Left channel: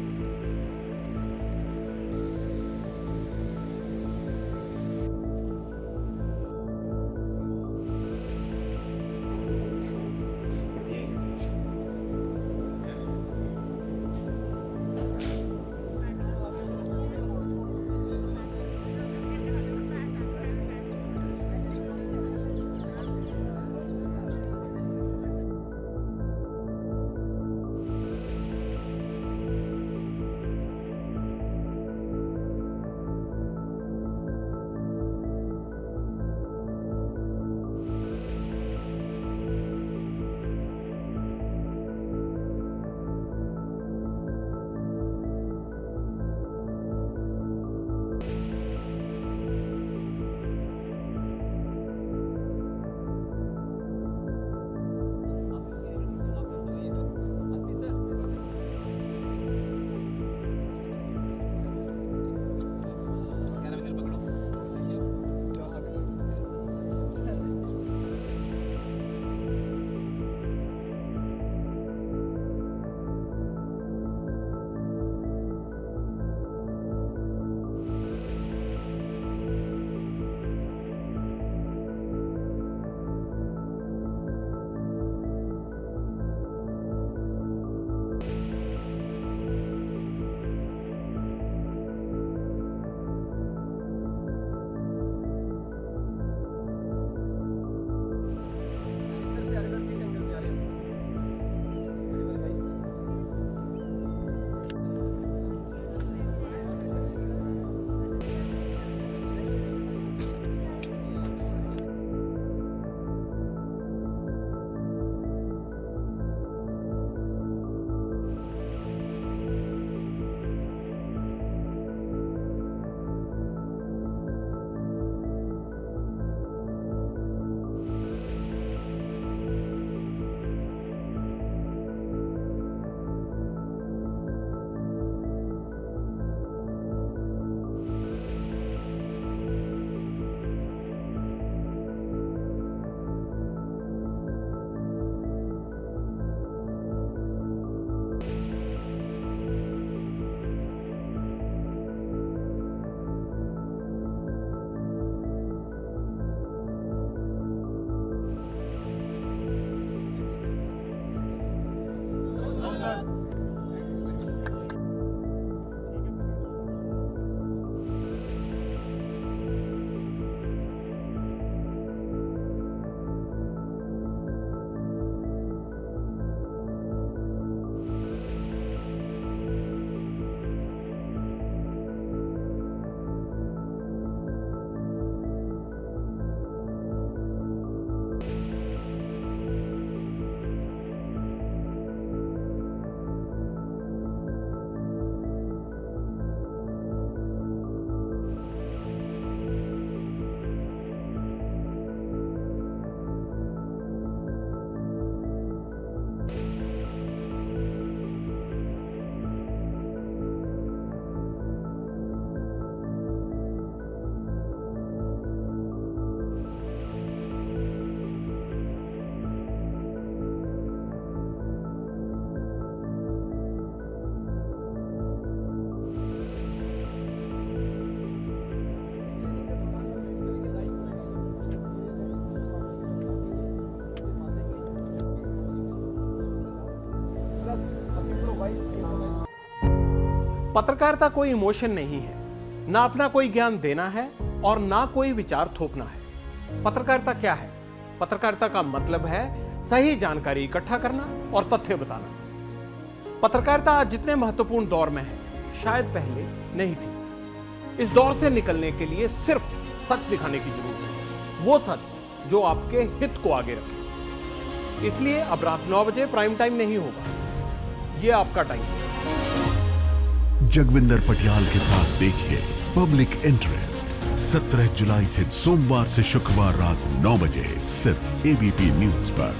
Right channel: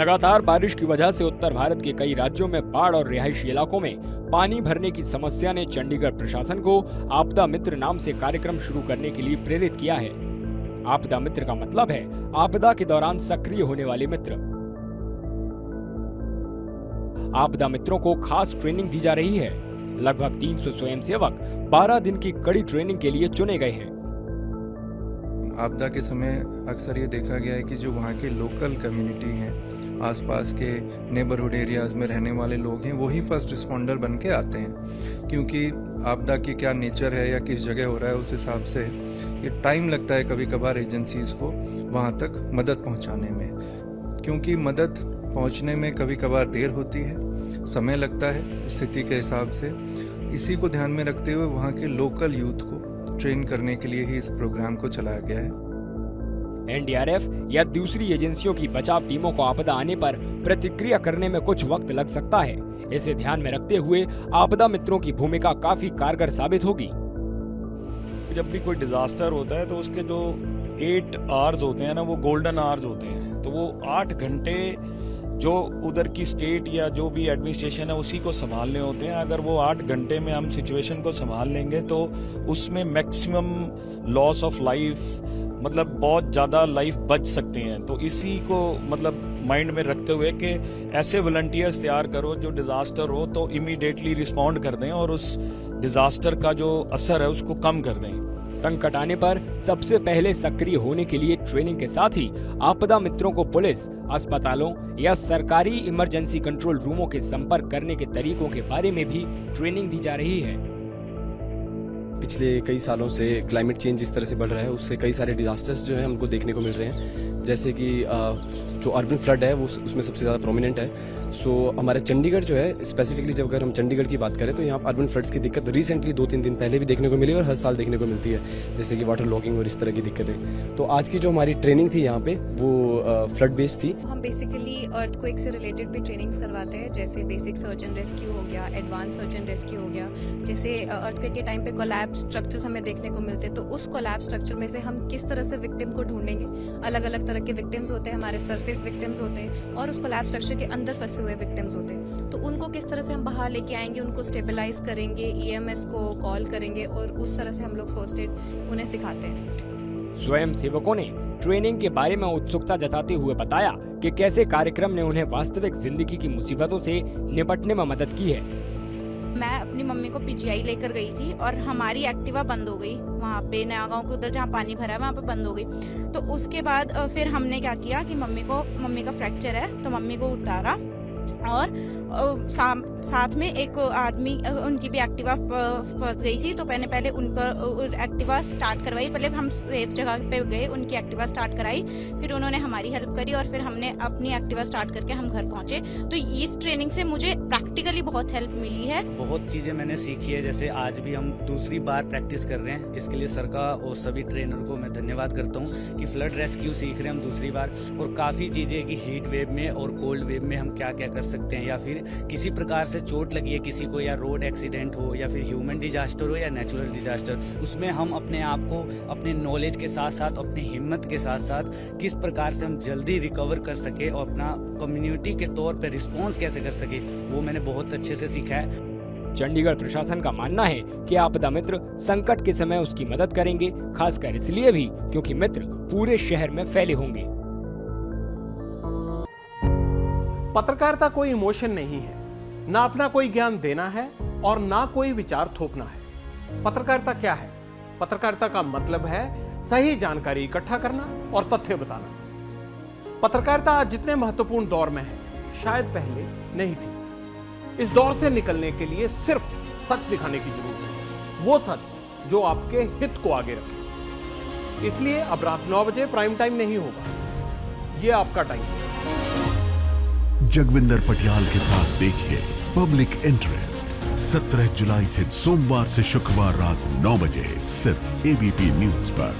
लगातार बारिश की वजह से उत्तर भारत के कई राज्यों में बाढ़ और रिहायशी इलाकों में पानी भरने की समस्या ने चंडीगढ़ प्रशासन को आपदा मित्र नाम से कार्यक्रम शुरू करने के लिए प्रेरित किया है। आपदा मित्र का मतलब है आपदा के दौरान सक्रिय होने वाले मित्र। आपदा मित्रों को खास ट्रेनिंग दी जा रही है। लगभग 300 स्वयंसेवक 12 दिन की कड़ी ट्रेनिंग के लिए चुने गए हैं। आपदा के समय अक्सर ये देखा गया है कि जो वहाँ की लोकल कम्युनिटी हैं, आसपास के नेबरहुड एरियाज में रहने वाले लोग हैं, वही फर्स्ट रिस्पॉन्डर बन के आते हैं। क्योंकि आपदा की क्या नेचर है या किस जगह हो रहा है, उस हिसाब से ये टाइम लगता है कभी कभार एजेंसीज को वहाँ तक मदद पहुँचाने में। क्योंकि मदद पहुँचने में कभी कभार देर होती है, समय लगता है स्थिति के हिसाब से। इसी को ध्यान में रखते हुए वहाँ के लोकल यूथ को ट्रेन करने के लिए ही इस प्रोग्राम को चलाया गया है। एनडीआरएफ या दूसरी एजेंसियों की बचाव टीमों को आपदा आने पर प्रतिक्रिया करने में कुछ वक्त लग सकता है। इसे ध्यान में रखते हुए आपदा मित्रों की भूमिका काफी कारगर साबित होगी। जब भी कोई डिजास्टर होता है तो उसके जो 8 आवर्स होते हैं ना, वो गोल्डन आवर्स होते हैं। तो वो 8 घंटे जो उधर की स्टेट या जो भी एडमिनिस्ट्रेशन है उसी को संभालने होते हैं। अगर वो 8 घंटे में हम सिचुएशन को संभाल लेंगे तो उसमें मैक्सिमम लॉस ऑफ लाइफ, मतलब बहुत ज़्यादा लाइफ बच सकते हैं। तो इसी को मतलब माइंड में रखते हुए कि ऐसे वॉलंटियर्स तैयार करो जो डिज़ास्टर हो तो इमीडिएटली रिस्पॉन्ड कर दें और उस डिज़ास्टर का जो असर है उसको कम कर दें। संकट आने पर सबसे पहले सक्रिय होने के लिए ट्रेनिंग के साथ ही आपदा मित्रों को पुलिस, अस्पतालों या सरकारी इमरजेंसी कंट्रोल रूमों के संपर्क करने के तरीकों के बारे में भी ट्रेनिंग दी जा रही है। पिछले कई सालों से क्लाइमेट चेंज जिस तरह से बढ़ रहा है उससे कई सारे डिजास्टर्स जो है हमको देखने को मिल रहे हैं। जैसे कि जो अर्बन फ्लड है वो उसमें सबसे ज़्यादा प्रोमिनेंट है। सो हमारे चंडीगढ़ जो है स्पेसिफिकली, जब अगर हम चंडीगढ़ की बात करें तो यहाँ अर्बन फ्लड्स की दिक्कत रिसेंटली 2-3 दिन पहले भी देखने को मिली और हर साल देखने को मिलती है, जैसे कि वाटर लॉगिंग और इस तरह की दिक्कतें। तो आज की जो हमारी ट्रेनिंग थी यहाँ पे वो फ्लड बेस्ड थी। हम बेसिकली अर्थक्वेक से रिलेटेड भी ट्रेनिंग्स करवाते हैं, जैसे बेसिक सर्च एंड रेस्क्यू हो गया, एडवांस सर्च एंड रेस्क्यू हो गया। जैसे अर्थक्वेक के टाइम पे कोलैप्स स्ट्रक्चर्स हमें देखने को मिलते हैं, तो उस कोलैप्स स्ट्रक्चर में से हम किस तरह से विक्टिम को ढूंढेंगे। अलग अलग तरह के विक्टिम्स होते हैं, हमारे सरफेस विक्टिम्स होते हैं और उस कोलैप्स स्ट्रक्चर के अंदर फंसे हुए विक्टिम्स होते हैं। तो उनको किस तरह से हम बाहर लेके आएंगे, उनको स्टेबलाइज करेंगे, ईएमएस को कॉल करेंगे और उस तरह से हम लोग फर्स्ट एड उन्हें सिखाते हैं। स्वयं सेवकों ने ट्रेनिंग के बारे में उत्सुकता जताते हुए बताया कि कैसे कार्यक्रम ने उन्हें वास्तविक जिंदगी की मुसीबतों से निपटने में मदद की है। मैं अपनी मम्मी को पीजीआई लेकर गई थी और हमारी एक्टिवा बंद हो गई वहाँ पे नया गांव के उधर जहाँ पानी भरा है वहाँ पे बंद हो गई। तो उसके बाद फिर हमने क्या किया कि मम्मी का फ्रैक्चर है तो मम्मी को उतारा और साथ में एक आदमी, उनकी भी एक्टिवा फंस गई थी। तो मैंने पहले उनका एक्टिवा स्टार्ट करवाई। पहले हम सेफ जगह पे गए, उनकी एक्टिवा स्टार्ट कराई, फिर उन्होंने हमारी हेल्प करी और फिर हमने अपनी एक्टिवा स्टार्ट करके हम घर पहुंचे। तो इस ट्रेनिंग से मुझे प्रैक्टिकली बहुत हेल्प मिली है। बहुत चीज़ें मैंने सीखी है। जैसे आज भी हम दूसरी बार प्रैक्टिस कर रहे हैं, इसके लिए सर का और सभी ट्रेनर को मैं धन्यवाद करता हूँ कि फ्लड रेस्क्यू सीख रहे हैं हम दूसरी बार। और काफ़ी चीज़ें कि हीट वेव में और कोल्ड वेव में हम क्या क्या कर सकते हैं, या फिर किसी प्रकार से चोट लगी है किसी को, या रोड एक्सीडेंट हो, या फिर ह्यूमन डिजास्टर हो, या नेचुरल डिजास्टर, उसमें हम अपने आप को अपने नॉलेज के साथ साथ अपनी हिम्मत के साथ साथ किस प्रकार से हम जल्दी रिकवर कर सके और अपना कम्युनिटी के तौर पर रिस्पॉन्स कैसे कर सके, वो मैंने बहुत अच्छे से सीखा है। चंडीगढ़ प्रशासन का मानना है कि आपदा मित्र संकट के समय उसकी मदद करेंगे, खासकर इसलिए भी क्योंकि मित्र पूरे शहर में फैले होंगे। पत्रकारिता कोई इमोशन नहीं है, ना अपना कोई ज्ञान देना है और ना कोई विचार थोपना है। पत्रकारिता क्या है? पत्रकारिता का मतलब है सही जानकारी इकट्ठा करना और तथ्य बताना। पत्रकारिता आज जितने महत्वपूर्ण दौर में है, शायद पहले नहीं थी। इस दौर से निकलने के लिए सिर्फ सच दिखाने की जरूरत है, वो सच जो आपके हित को आगे रखे। इसलिए अब रात 9 बजे प्राइम टाइम नहीं होगा, ये आपका टाइम है। जगविंदर पटियाल के साथ देखिए पब्लिक इंटरेस्ट 17 जुलाई से सोमवार से शुक्रवार रात 9 बजे सिर्फ एबीपी न्यूज पर।